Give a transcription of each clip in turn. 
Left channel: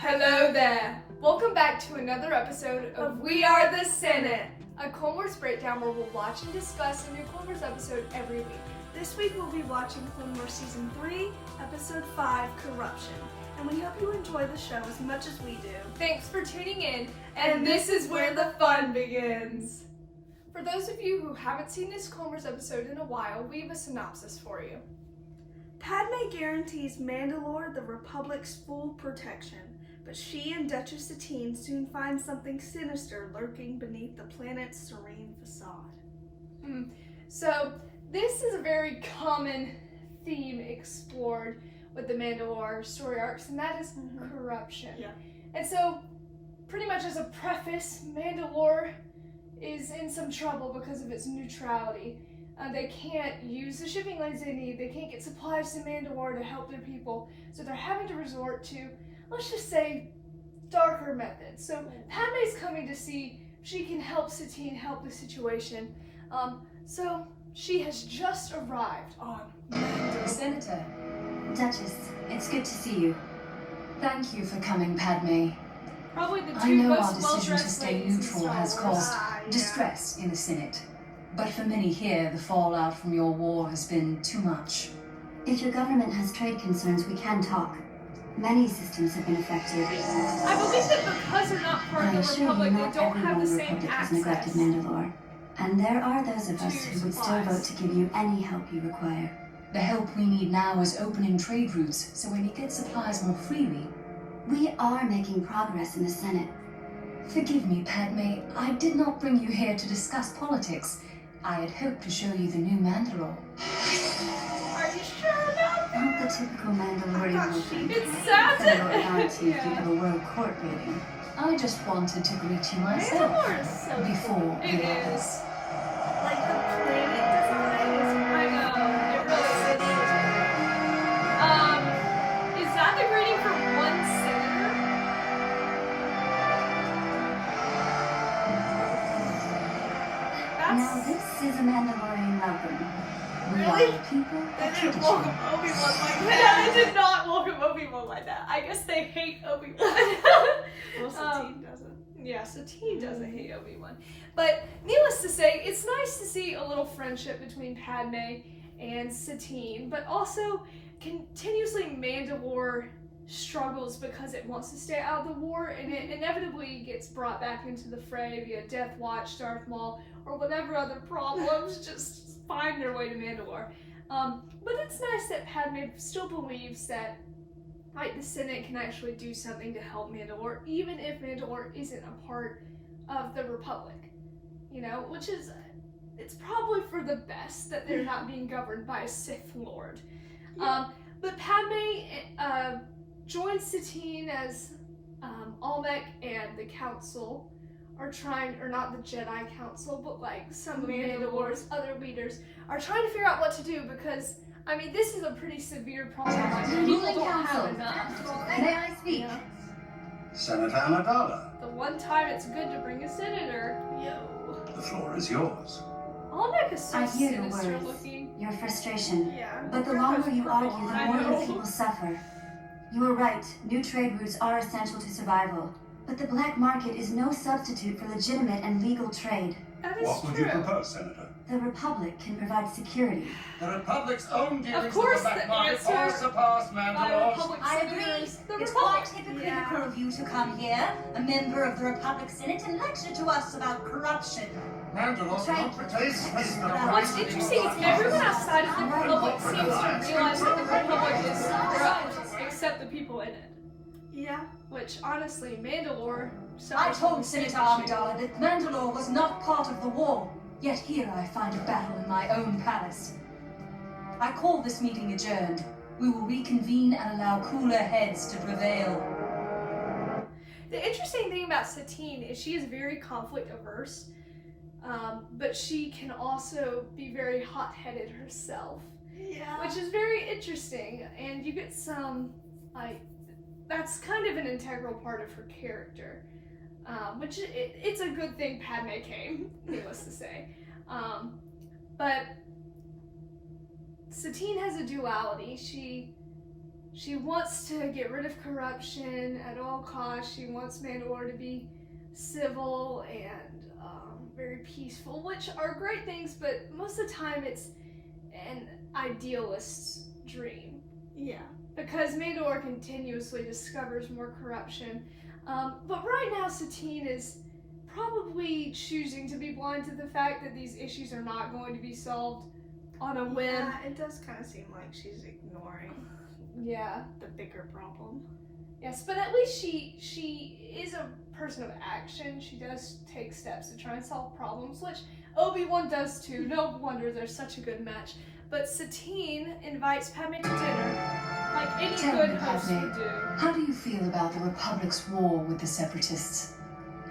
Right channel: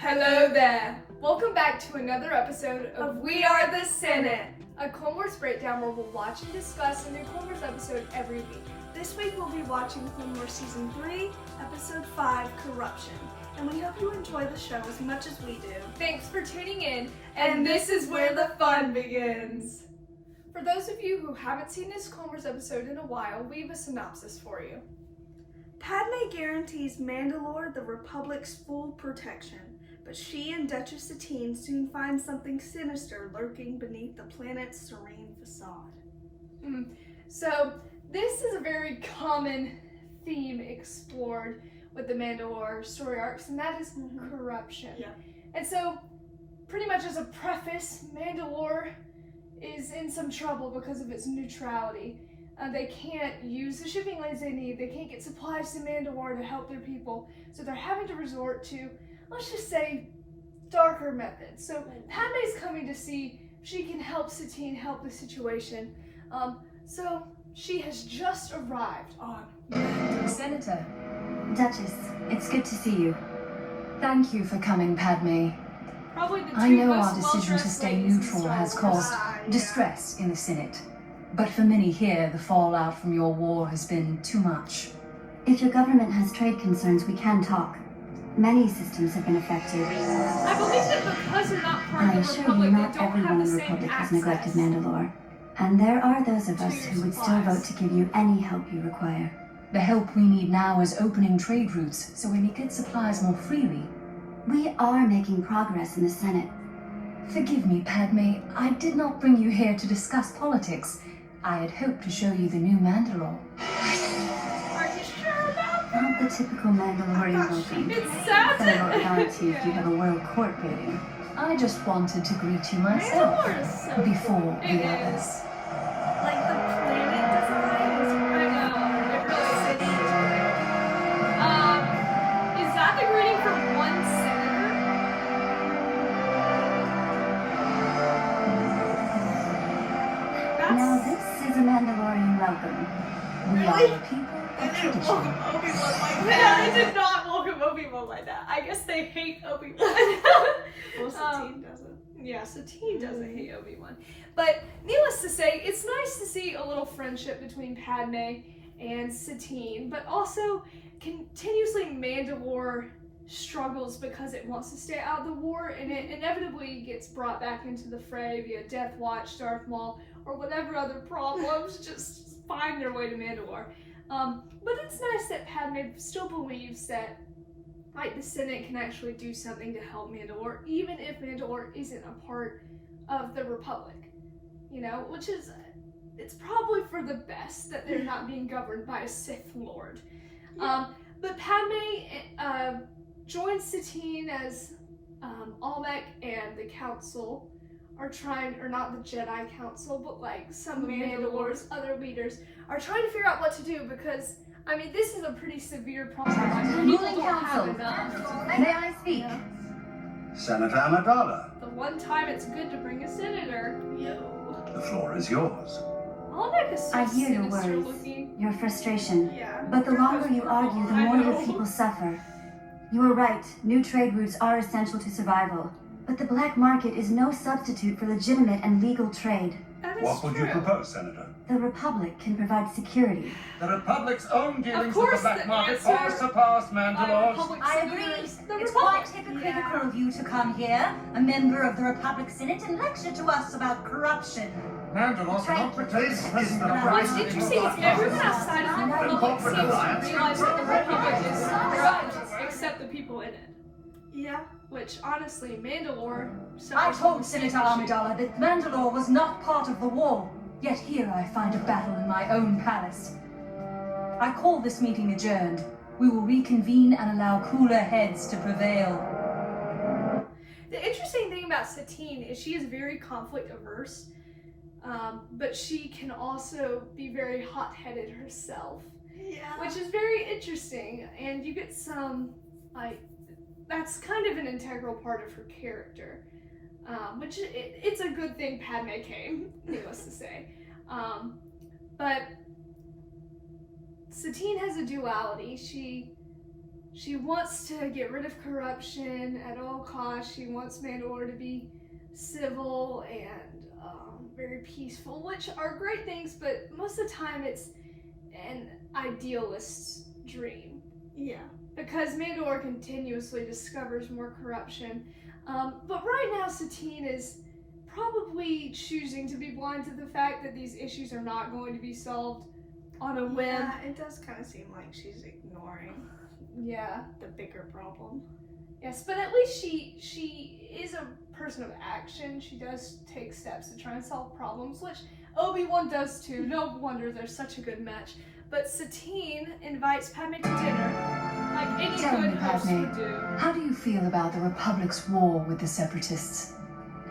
Hello there! Welcome back to another episode of We Are the Senate, a Clone Wars breakdown where we'll watch and discuss a new Clone Wars episode every week. This week we'll be watching Clone Wars Season 3, Episode 5, Corruption. And we hope you enjoy the show as much as we do. Thanks for tuning in, and this is where the fun begins. For those of you who haven't seen this Clone Wars episode in a while, we have a synopsis for you. Padme guarantees Mandalore the Republic's full protection, but she and Duchess Satine soon find something sinister lurking beneath the planet's serene facade. So, this is a very common theme explored with the Mandalore story arcs, and that is corruption. Yeah. And so, pretty much as a preface, Mandalore is in some trouble because of its neutrality. They can't use the shipping lanes they need. They can't get supplies to Mandalore to help their people. So they're having to resort to, let's just say, darker methods. So Padme's coming to see if she can help Satine help the situation. So she has just arrived on Senator, Duchess, it's good to see you. Thank you for coming, Padme. Probably the two I know most our decision to stay well-dressed ladies in neutral Star has Wars. caused distress in the Senate. But for many here, the fallout from your war has been too much. If your government has trade concerns, we can talk. Many systems have been affected. I believe that because they're not part I of the assure Republic, you, they not don't everyone have in the the same Republic has access. neglected Mandalore. And there are those of us to who would still supplies. vote to give you any help you require. The help we need now is opening trade routes so we may get supplies more freely. We are making progress in the Senate. Forgive me, Padme, I did not bring you here to discuss politics. I had hoped to show you the new Mandalore. Are you sure about that? Not the typical Mandalorian welcome. It's sad Federal that... guaranteed you have a world court rating. I just wanted to greet you myself Mandalore is so before It the others. is. Like the planet design is I know, it really is that the greeting for one senator? Now That's... this is a Mandalorian welcome. We Really? are the people They of didn't tradition. welcome Obi-Wan like Yeah, that. they did not welcome Obi-Wan like that. I guess they hate Obi-Wan. Well, Satine doesn't. Yeah, Satine doesn't hate Obi-Wan. But needless to say, it's nice to see a little friendship between Padme and Satine, but also continuously Mandalore struggles because it wants to stay out of the war, and it inevitably gets brought back into the fray via Death Watch, Darth Maul, or whatever other problems just find their way to Mandalore. But it's nice that Padme still believes that the Senate can actually do something to help Mandalore, even if Mandalore isn't a part of the Republic. You know, which is, it's probably for the best that they're not being governed by a Sith Lord. But Padme joins Satine as Almec and the Council are trying, or not the Jedi Council, but like some of Mandalore's other leaders are trying to figure out what to do because, I mean, this is a pretty severe problem. Like, people Ruling don't have Council. enough. May I speak? Yeah. Senator Amidala, The one time it's good to bring a senator. Yo. the floor is yours. Almec is so I hear your sinister worries. looking. Your frustration. Yeah. But the longer you argue, the I more your know. people suffer. You are right. New trade routes are essential to survival. But the black market is no substitute for legitimate and legal trade. That is What would true. you propose, Senator? The Republic can provide security. The Republic's own dealings with course the black the market answer far surpass By Mandalore's. Republic I agree. senators, the It's Republic. quite hypocritical of you to come here, a member of the Republic Senate, and lecture to us about corruption. Mandalore cannot replace President What's interesting is everyone outside of the Republic seems to realize that the Republic is corrupt, except the people in it. Yeah. Which, honestly, Mandalore... I suffers from told the same Senator issue. Amidala that Mandalore was not part of the war, yet here I find a battle in my own palace. I call this meeting adjourned. We will reconvene and allow cooler heads to prevail. The interesting thing about Satine is she is very conflict averse, but she can also be very hot-headed herself, Yeah. which is very interesting, and you get some, that's kind of an integral part of her character, which it's a good thing Padme came, needless to say. But Satine has a duality. she wants to get rid of corruption at all costs. She wants Mandalore to be civil and very peaceful, which are great things, but most of the time it's an idealist's dream. Yeah. Because Mandalore continuously discovers more corruption. But right now, Satine is probably choosing to be blind to the fact that these issues are not going to be solved on a whim. Yeah, it does kind of seem like she's ignoring Yeah. the bigger problem. Yes, but at least she is a person of action. She does take steps to try and solve problems, which Obi-Wan does too. No wonder they're such a good match. But Satine invites Padme to dinner, like any Tell good me, host Padme, would do. how do you feel about the Republic's war with the Separatists?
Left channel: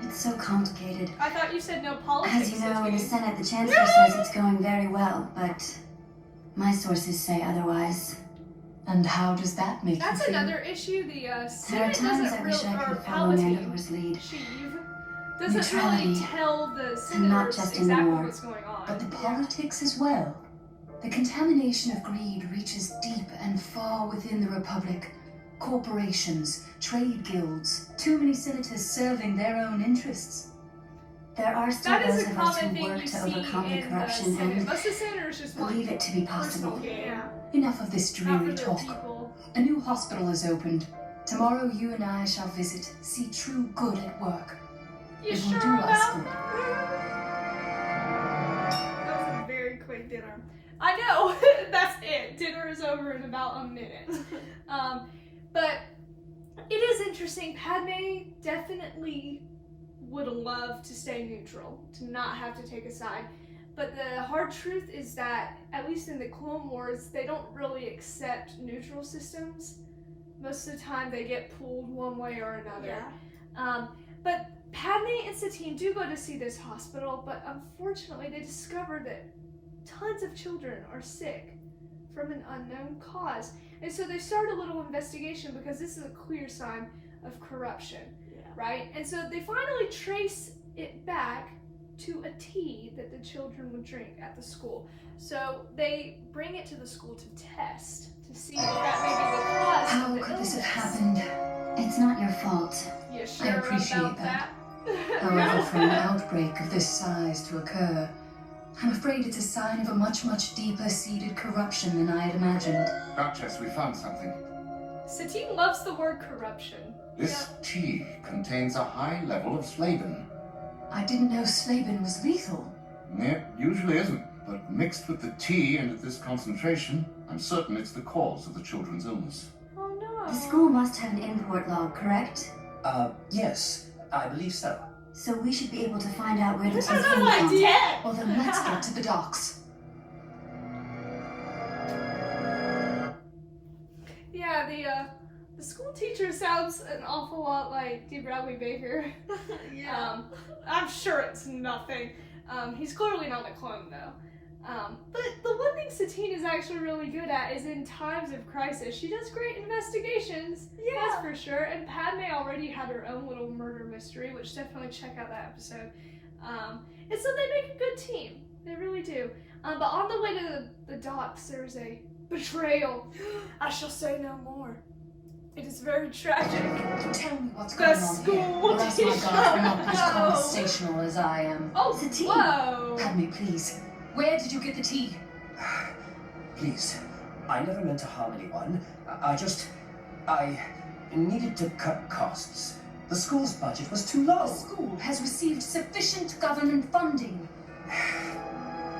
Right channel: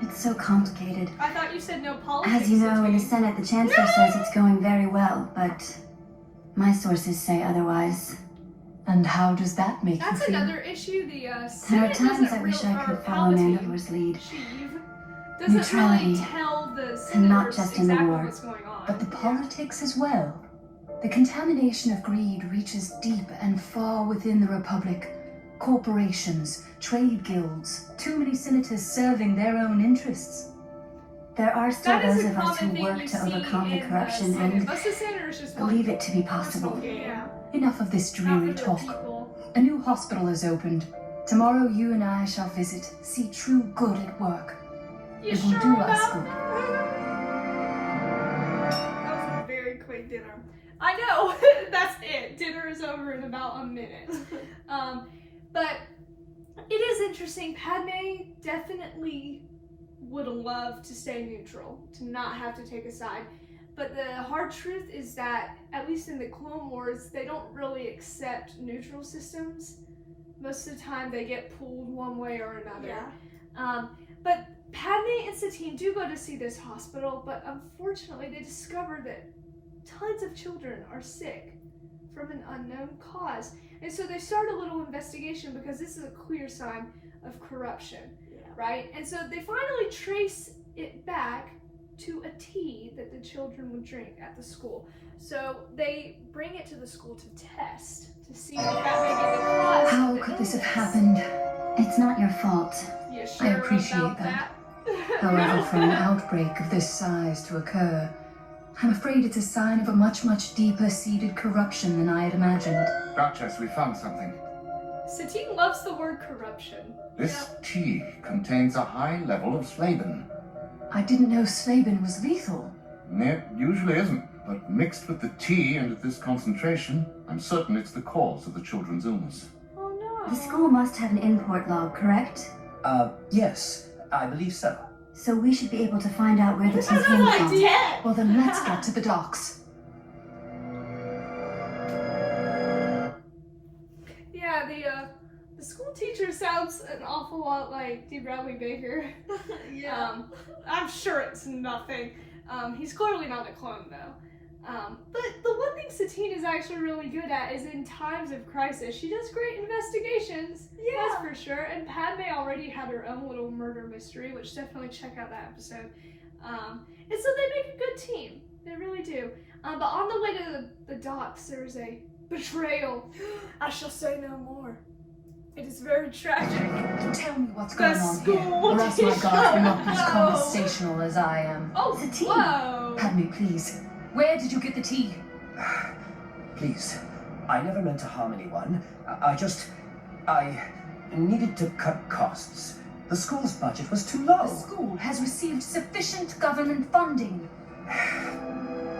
It's so complicated. I thought you said no politics. As you know, in the Satine. Senate, the Chancellor says it's going very well, but my sources say otherwise. And how does that make That's you feel? another issue. The There are Senate times doesn't I wish I really, could or follow Palpatine, Mandalore's lead. Sheev, doesn't really Neutrality. tell the not senators just in the exactly war, what's going on. But the politics as well. The contamination of greed reaches deep and far within the Republic. Corporations, trade guilds, too many senators serving their own interests. There are still That is those a of us common who thing work you to see overcome the in corruption Senate. and Most of the senators just want believe it to be personal possible. gain. Yeah. Enough of this Not dreary for their talk. people. A new hospital has opened. Tomorrow you and I shall visit, see true good at work. You It will sure do us about good. That was a very quick dinner. I know. That's it. Dinner is over in about a minute. But it is interesting. Padme definitely would love to stay neutral, to not have to take a side. But the hard truth is that, at least in the Clone Wars, they don't really accept neutral systems. Most of the time they get pulled one way or another. Yeah. But Padme and Satine do go to see this hospital, but unfortunately they discover that tons of children are sick from an unknown cause. And so they start a little investigation because this is a clear sign of corruption, right? And so they finally trace it back to a tea that the children would drink at the school. So they bring it to the school to test, to see if that may be the cause How of the could this have illness. happened? It's not your fault. You sure I appreciate about that. that? However, for an outbreak of this size to occur, I'm afraid it's a sign of a much, much deeper seated corruption than I had imagined. Duchess, we found something. Satine loves the word corruption. This tea contains a high level of slavin. I didn't know Slavin was lethal. It usually isn't, but mixed with the tea and at this concentration, I'm certain it's the cause of the children's illness. Oh no. The school must have an import log, correct? Yes, I believe so. So we should be able to find out where the tea That's came an from. idea. Well, then let's get to the docks. Yeah, the school teacher sounds an awful lot like D. Bradley Baker. Yeah. I'm sure it's nothing. He's clearly not a clone though. But the one thing Satine is actually really good at is in times of crisis, she does great investigations. Yeah. That's for sure. And Padme already had her own little murder mystery, which definitely check out that episode. And so they make a good team. They really do. But on the way to the docks, there's a betrayal. I shall say no more. It is very tragic. Tell me what's The going on school here, or else my teacher. guards will not be as No. conversational as I am. Oh, Satine. whoa! Padme, please. Where did you get the tea? Please, I never meant to harm anyone. I needed to cut costs. The school's budget was too low. The school has received sufficient government funding.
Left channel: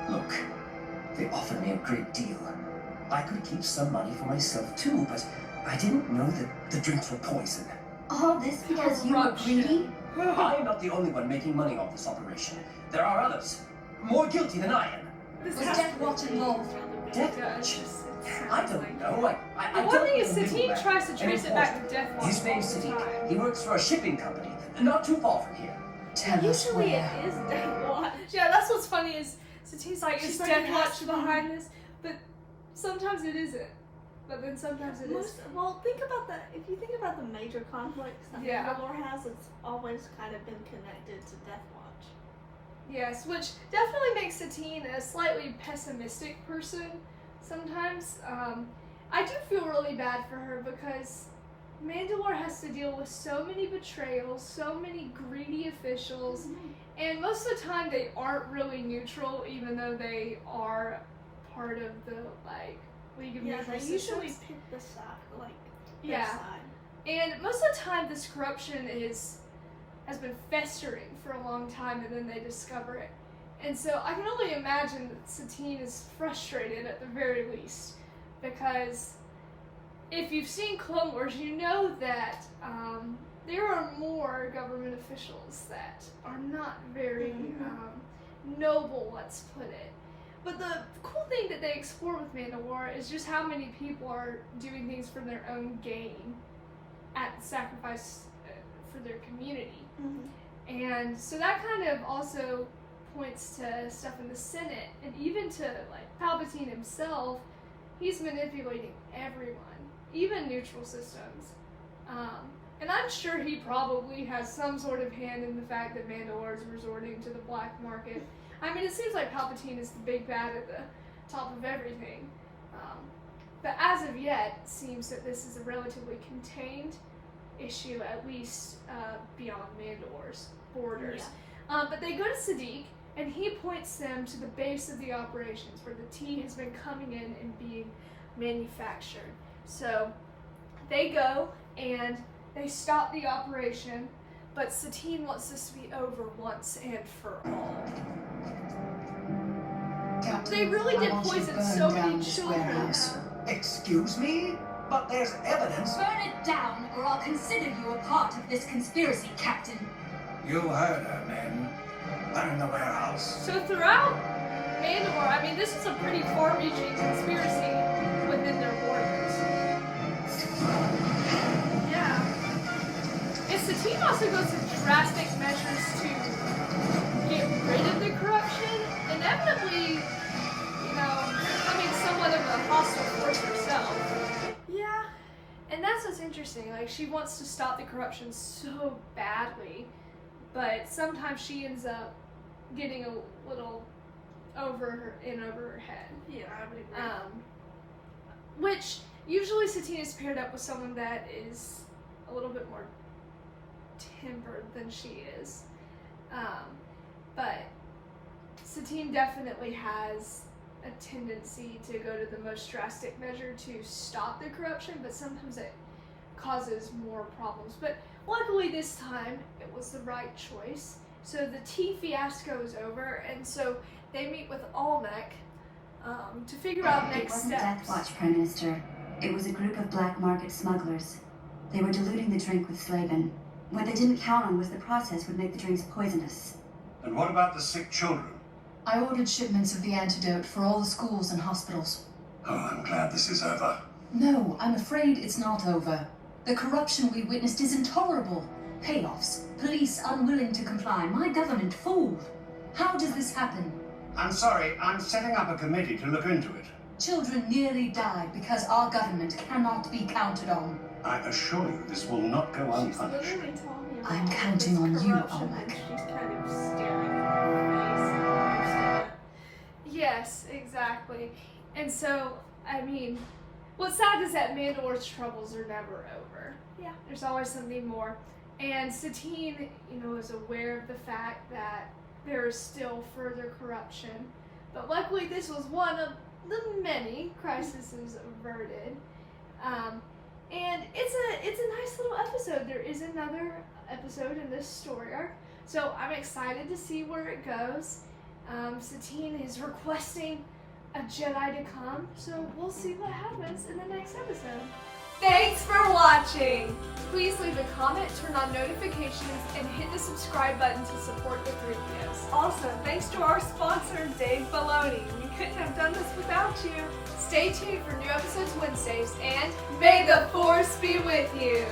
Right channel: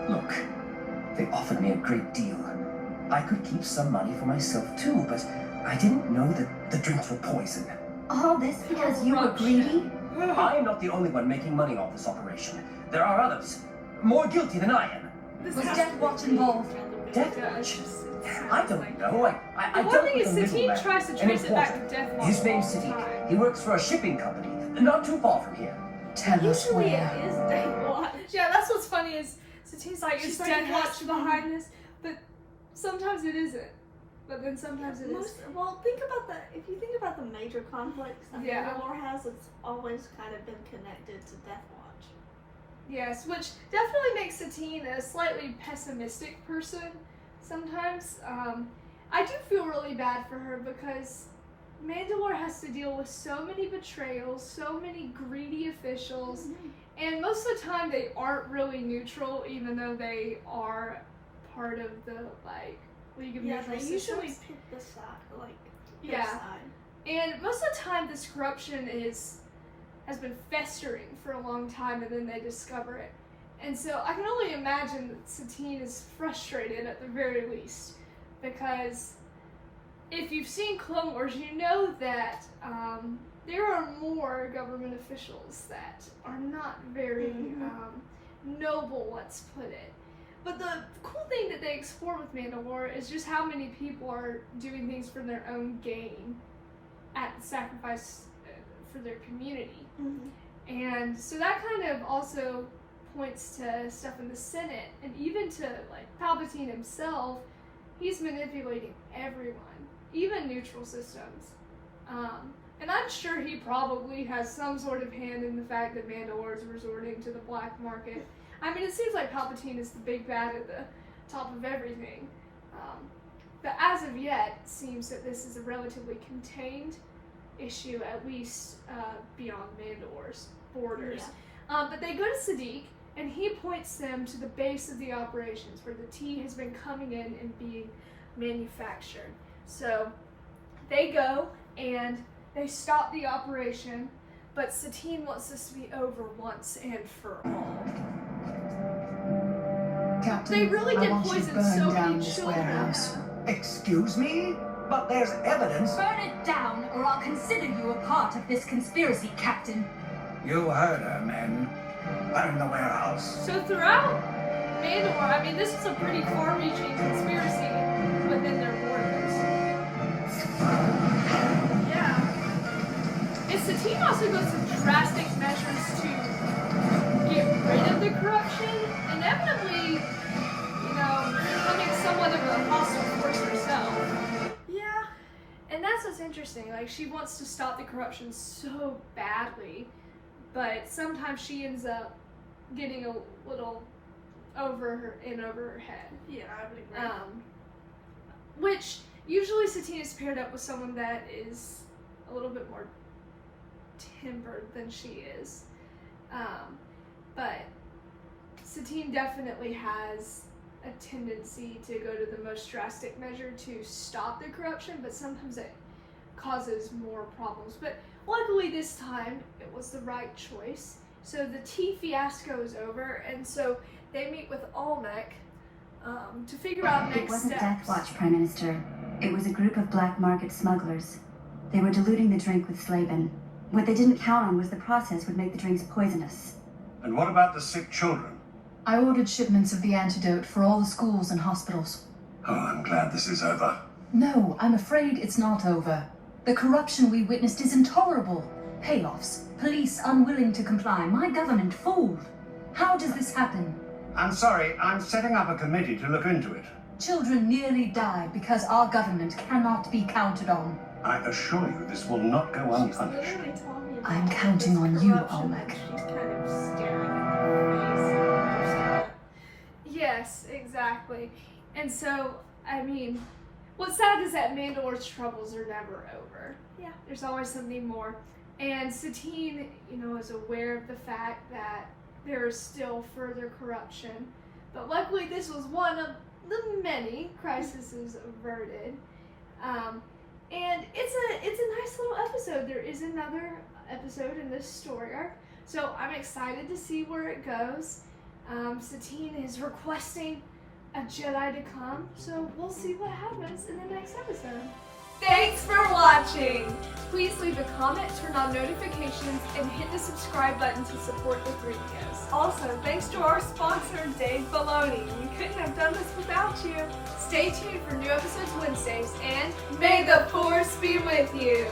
Look, they offered me a great deal. I could keep some money for myself too, but I didn't know that the drinks were poison. All this because you were greedy? I am not the only one making money off this operation. There are others, more guilty than I am. This Was has Death to be Watch really involved? bad. Death Yeah, Watch? it I sounds don't like know. it. I The one dealt thing with is, a Satine middleman, tries to an trace it back importer. to Death Watch His name's all the Sadiq. time. He works for a shipping company, not too far from here. Tell us Usually where. it is Death Watch. Yeah, that's what's funny is Satine's like, She's is like, Death it has Watch to be. behind this? But sometimes it isn't. But then sometimes it is. Well, if you think about the major conflicts that Yeah. Mandalore has, it's always kind of been connected to Death Watch. Yes, which definitely makes Satine a slightly pessimistic person sometimes. I do feel really bad for her because Mandalore has to deal with so many betrayals, so many greedy officials, and most of the time they aren't really neutral, even though they are part of the League of Neutral they Systems. usually pick the side, their Yeah. side. And most of the time this corruption has been festering for a long time, and then they discover it. And so I can only imagine that Satine is frustrated at the very least, because if you've seen Clone Wars, you know that there are more government officials that are not very noble, let's put it. But the cool thing that they explore with Mandalore is just how many people are doing things for their own gain at the sacrifice for their community. And so that kind of also points to stuff in the Senate, and even to Palpatine himself. He's manipulating everyone, even neutral systems. And I'm sure he probably has some sort of hand in the fact that Mandalore is resorting to the black market. I mean, it seems like Palpatine is the big bad at the top of everything. But as of yet, it seems that this is a relatively contained issue, at least beyond Mandalore's borders. But they go to Sadiq, and he points them to the base of the operations, where the tea has been coming in and being manufactured. So they go, and they stop the operation, but Satine wants this to be over once and for all. Captain, They really I did want you to poison burn so down many this children. warehouse. Excuse me? But there's evidence. Burn it down, or I'll consider you a part of this conspiracy, Captain. You heard her, men. Burn the warehouse. So throughout Mandalore, I mean, this was a pretty far-reaching conspiracy within their borders. Yeah. And Satine also goes to drastic measures to get rid of the corruption, inevitably, becoming somewhat of a hostile force herself. Yeah. And that's what's interesting. She wants to stop the corruption so badly, but sometimes she ends up getting a little over her head. Yeah, I would agree. Which usually Satine is paired up with someone that is a little bit more tempered than she is. But Satine definitely has a tendency to go to the most drastic measure to stop the corruption, but sometimes it causes more problems. But luckily this time it was the right choice. So the tea fiasco is over, and so they meet with Olmec to figure out It next wasn't steps. Death Watch, Prime Minister. It was a group of black market smugglers. They were diluting the drink with Slaven. What they didn't count on was the process would make the drinks poisonous. And what about the sick children? I ordered shipments of the antidote for all the schools and hospitals. Oh, I'm glad this is over. No, I'm afraid it's not over. The corruption we witnessed is intolerable. Payoffs, police unwilling to comply, my government fooled. How does this happen? I'm sorry, I'm setting up a committee to look into it. Children nearly died because our government cannot be counted on. I assure you this will not go She's unpunished. literally telling about I'm all counting this on you, corruption, Olmec. and she's kind of staring at her face and understand it. Yes, exactly. And so, I mean, what's sad is that Mandalore's troubles are never over. Yeah. There's always something more. And Satine, is aware of the fact that there is still further corruption. But luckily this was one of the many crises averted. And it's a nice little episode. There is another episode in this story arc. So I'm excited to see where it goes. Satine is requesting a Jedi to come, so we'll see what happens in the next episode. Thanks for watching! Please leave a comment, turn on notifications, and hit the subscribe button to support the Threepios. Also, thanks to our sponsor, Dave Baloney. We couldn't have done this without you. Stay tuned for new episodes Wednesdays, and may the Force be with you!